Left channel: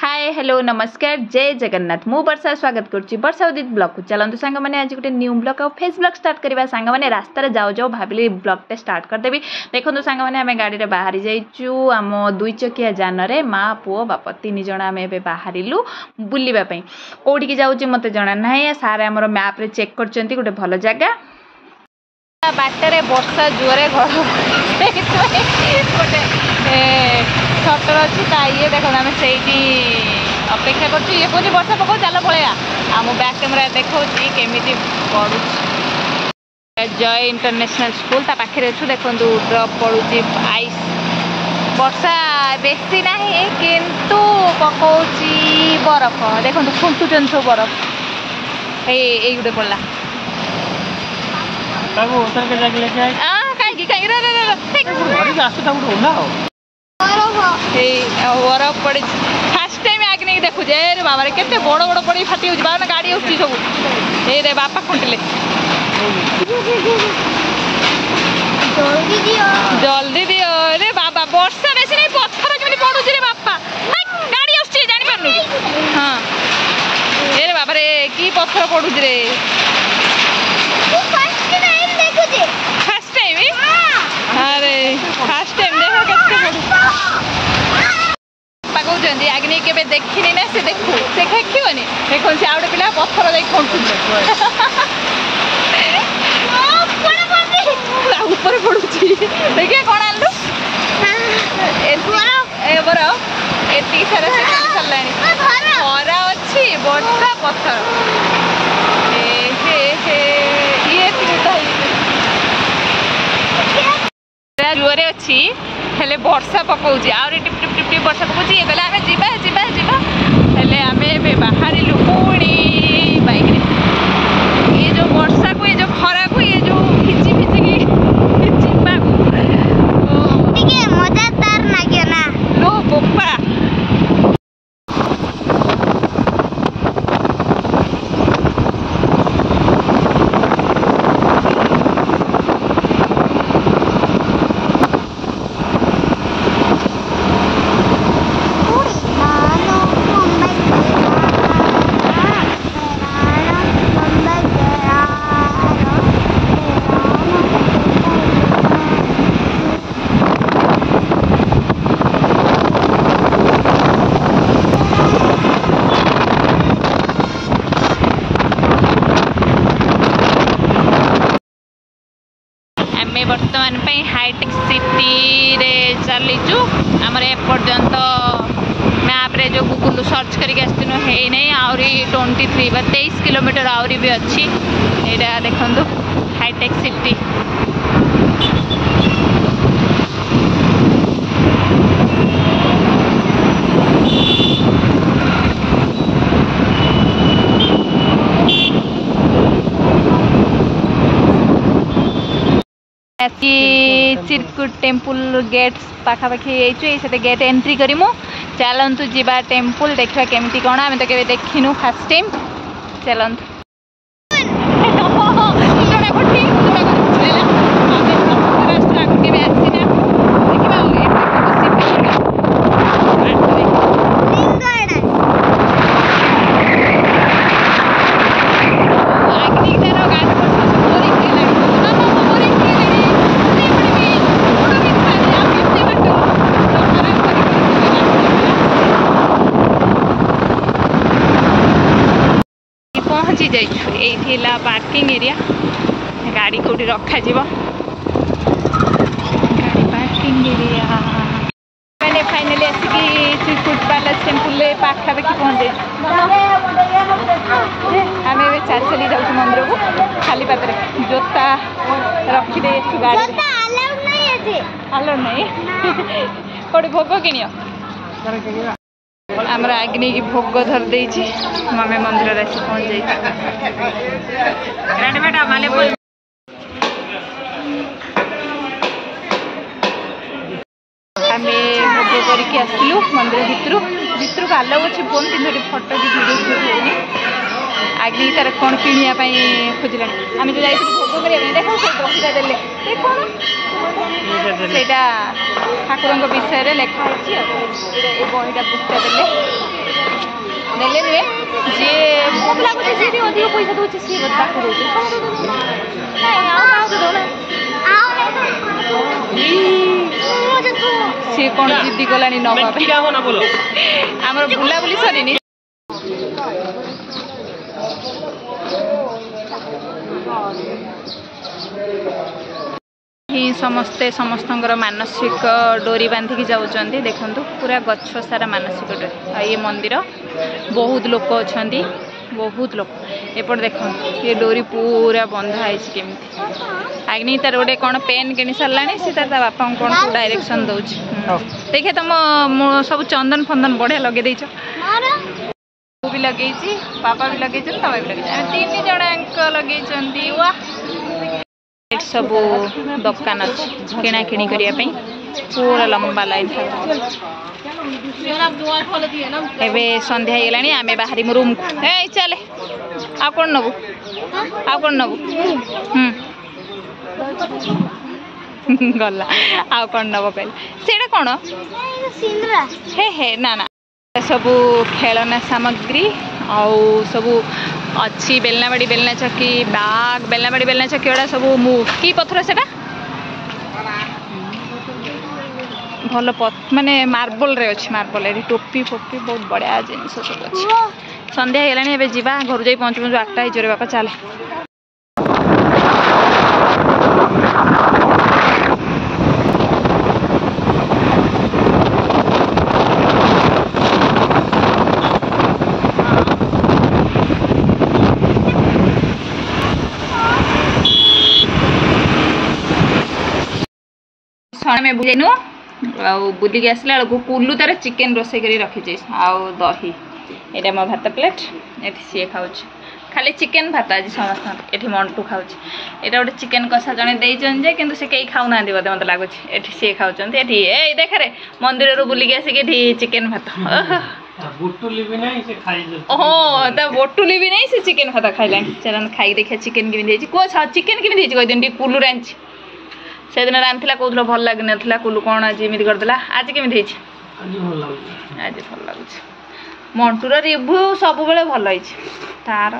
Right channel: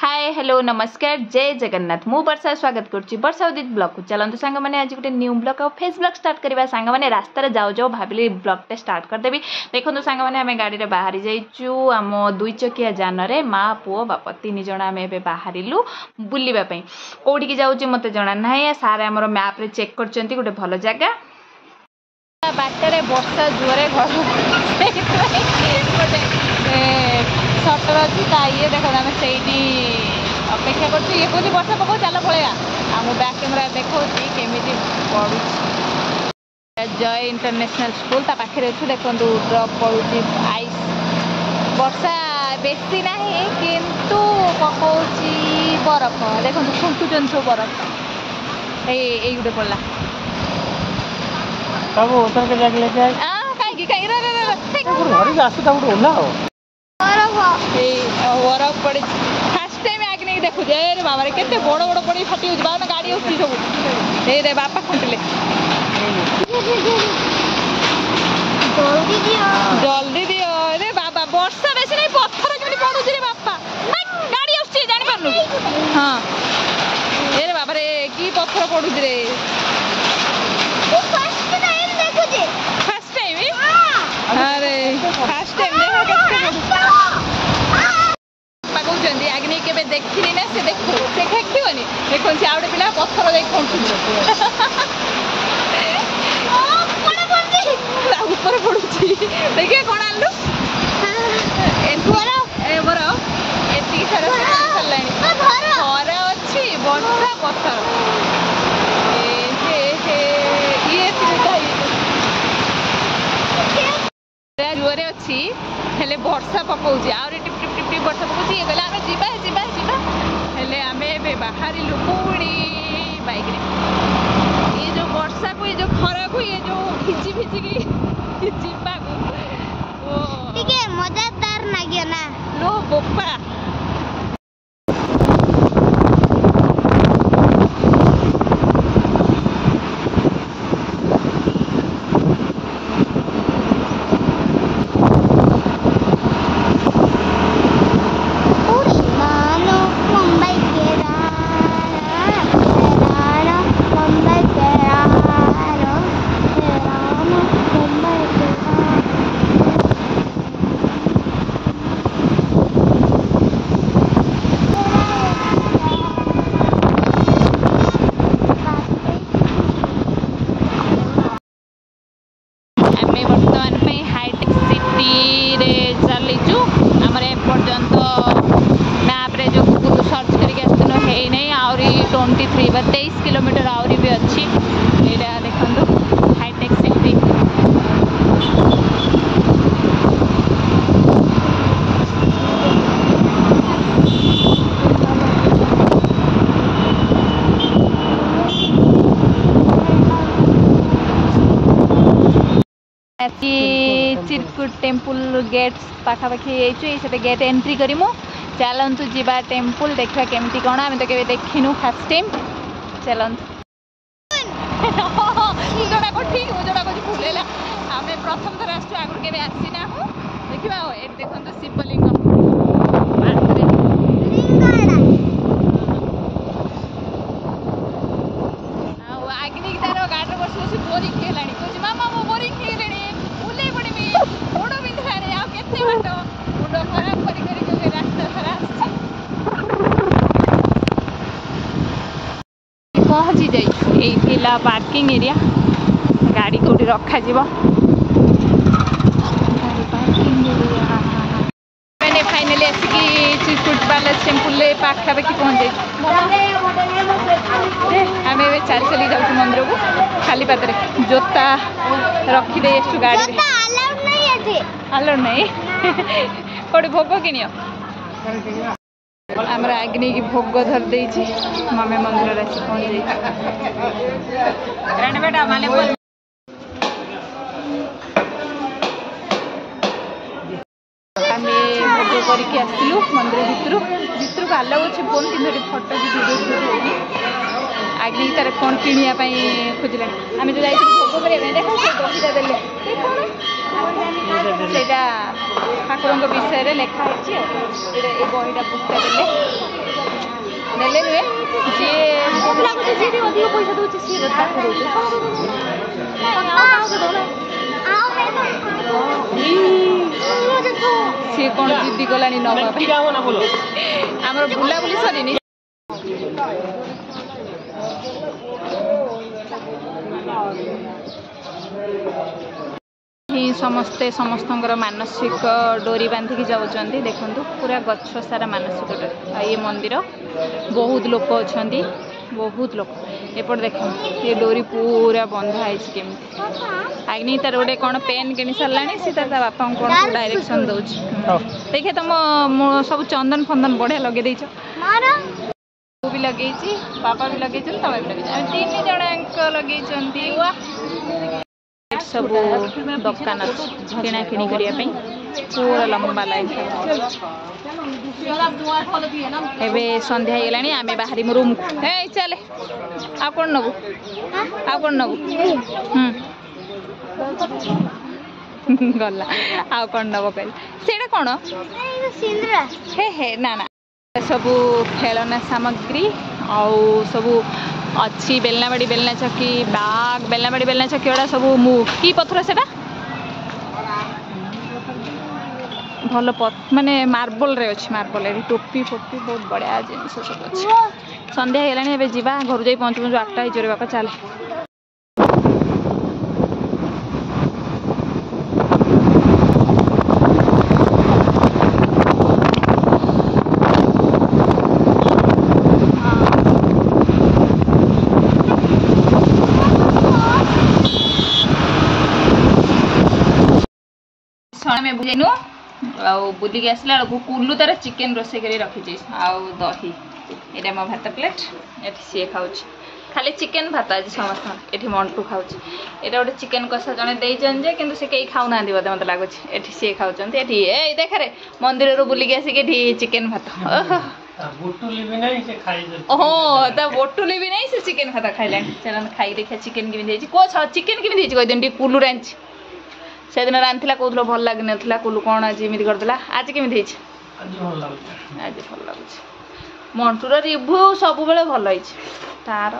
hi hello नमस्कार जय जगन्नाथ मु वर्षा स्वागत करुच्ची वर्षा उदित ब्लॉग को चलते सांग मैंने आज गोटे न्यू ब्लॉग और फेस ब्लॉग स्टार्ट करवा सांग मैंने रास्तार जाऊ जाऊ भाविली ब्लॉगटे स्टार्ट करदेवी देखो सांग मैंने आम गाड़ी बाहरी जाइचु आम दुई चकिया जान रे माँ पुओ बाप तीन जन आम ए बाहरिलु बुलवाई कौटिकी जाऊँ मत जना ना सारे आम मैप्रे चेक कर गोटे भल जगह बाटर वर्षा जोरे गोटे सटर अच्छी ये देख आम से अपेक्षा कर वर्षा पकाऊ चल पलैया आम बैक कैमेरा देखा केमी पड़ू जय इंटरनेशनल स्कूल ता पाखे अच्छु देखो ड्रप पड़ू आइस वर्षा बेसी ना किंतु पकाऊ बरफ देखो फुंकुचन सब बरफ ये गोटे पड़ा बरफ पड़ी फास्ट टाइम आगे नहीं देखु रे बाबा रे केते बड़ बड़ पड़ी फाटी हो बाबा गाड़ी उठी सब ए रे बापा खुंटिले जल्दी दियो रे बाबा वर्षा बेसी नहीं पत्थर केमि पडुछ रे बापा गाड़ी आछी जानि पारनु हां ए रे बाबा रे की पत्थर पडुछ रे फर्स्ट टाइम देखु जे फर्स्ट टाइम अरे फर्स्ट टाइम देखो केते पडुछ कहते आगे नहीं के देखनी ना से देखू से खेखनी देखो से आउट पिला पत्थर देख ऊपर पड़ू देखिए कौन आलू एति सारा खरा अच्छी वर्षा पत्थर जोरे अच्छी हेले वर्षा पकाउची आउरी टिप टिप टिप टिप वर्षा पकाउची ये कहले आमे जिबा जिबा जिबा हेले आमे बे बाहरी लुपुणी बाइक रे ये जो वर्षा को ये जो खरा को ये जो खिची खिची की जिबा को ठीक है मजेदार लागियो ना लो बोपा बर्तमान हाईटेक सिटी रे चलीचु आमर एपर्यंत मैप रे जो गूगल सर्च करके आसनु है नहीं आहरी 23 किलोमीटर आहरी भी अच्छी एटा देखंतु हाईटेक सिटी चिरकुट टेम्पल गेट्स पाखापाखि से गेट एंट्री करूँ चलतु जीवा टेम्पल देखा केमती कौन आम तो के देखिनु फास्ट टाइम चलतु पहुँची जाइछु ये पार्किंग एरिया गाड़ी कौटी रखा गाड़ी पार्किंग एरिया मैंने फाइनली आसिकी चिरकुट पैलेस टेम्पल पाखापाखि पहुँच आम ए चल चली जाऊँ मंदिर को खाली पादे जोता रखीदे गाड़ी आलाउड नहीं कौटे भोग किण आमर आग्नि की भोग धर दे मामे मंदिर आसी पहुँच आम भोग करके आसलु मंदिर भितर को आलाउ अच्छे फोन तीन फोटो की वीडियो आग्नि तार कौन किणापी खोजला आम जो जाइए भोग करें देख बहीटा दे ठाकुर विषय में लिखाई बहीटा पुस्तक देले ନେଲେ ରେ ଯିଏ ମୋତେ ଲାଗୁଛି ଯିଏ ଟିକେ ଅଧିକ ପଇସା ଦେଉଛି ସିଏ ତାକୁ ଦେଉଛି ସିଏ କ'ଣ ଜିଦି କଲାଣି ନେବା ପାଇଁ ଆମର ବୁଲାବୁଲି ସରିନି ସମସ୍ତେ ସମସ୍ତଙ୍କର ମାନସିକ ଡୋରି ବାंधिकी जाउछन्ती देखंतु पूरा गछ सारा ମାନସିକ डोरी ये मंदिर बहुत लोक अछन्ती बहुत लोक एपट देखंतु ये डोरी पूरा बंधा है केमती आग्नि तार गोटे कौन पेन किनी साराणी सी तार बापा कौन डायरेक्शन दौच देखे तुम सब चंदन फंदन बढ़िया लगे देछ भी लगे पापा भी लगे तुम भी लगे 3 जन लगे वाह सब दुकान अच्छी किना किणी करने पूरा लंबा लाइन एबे संध्या हो गलानी आमे बाहरी रूम को ए चले आ कौन नबू गला आ कौन नब कहले सेटा कौन हे हे ना ना सबू खेलना सामग्री आउ सबू अच्छी बेलनाबाड़ी बेलना चक्की बाग बेलनाबाड़ी बेलना चक्की गुड़ा सब कि पथर से भल माने मार्बल रे अच्छी मार्बल रे टोपी फोपी बहुत बढ़िया जिनिस सब अच्छी संध्या हो गलानी जा घर जाई पहुँचु पहुँचु 8टा हो बापा चले में बुझेनु बुलिक आसला बेलू कुल्लू तार चिकेन रोसे कर रखी आउ दही यहाँ मो भात प्लेट ये सी खाऊ खाली चिकेन भात आज समस्त ये मंटू खाऊ यहाँ गोटे चिकेन कषा जड़े देजे कि कई खाऊना बोधे मत लगुच ये सी खाऊँ ये देखे मंदिर बुलिक आसिक चिकेन भात ओहो ता बोटुली भी नहीं से चिकेन भात खाइला चल खाई देखिए चिकेन केमी चिकेन केमी कहदिन कुल्लू रांची से दिन रांधला कहूल भल लगे ना कुल्लू कौन आज एमती करदेला आज केमी आज भल लगुच मंटूर रिव्यू सब भल तार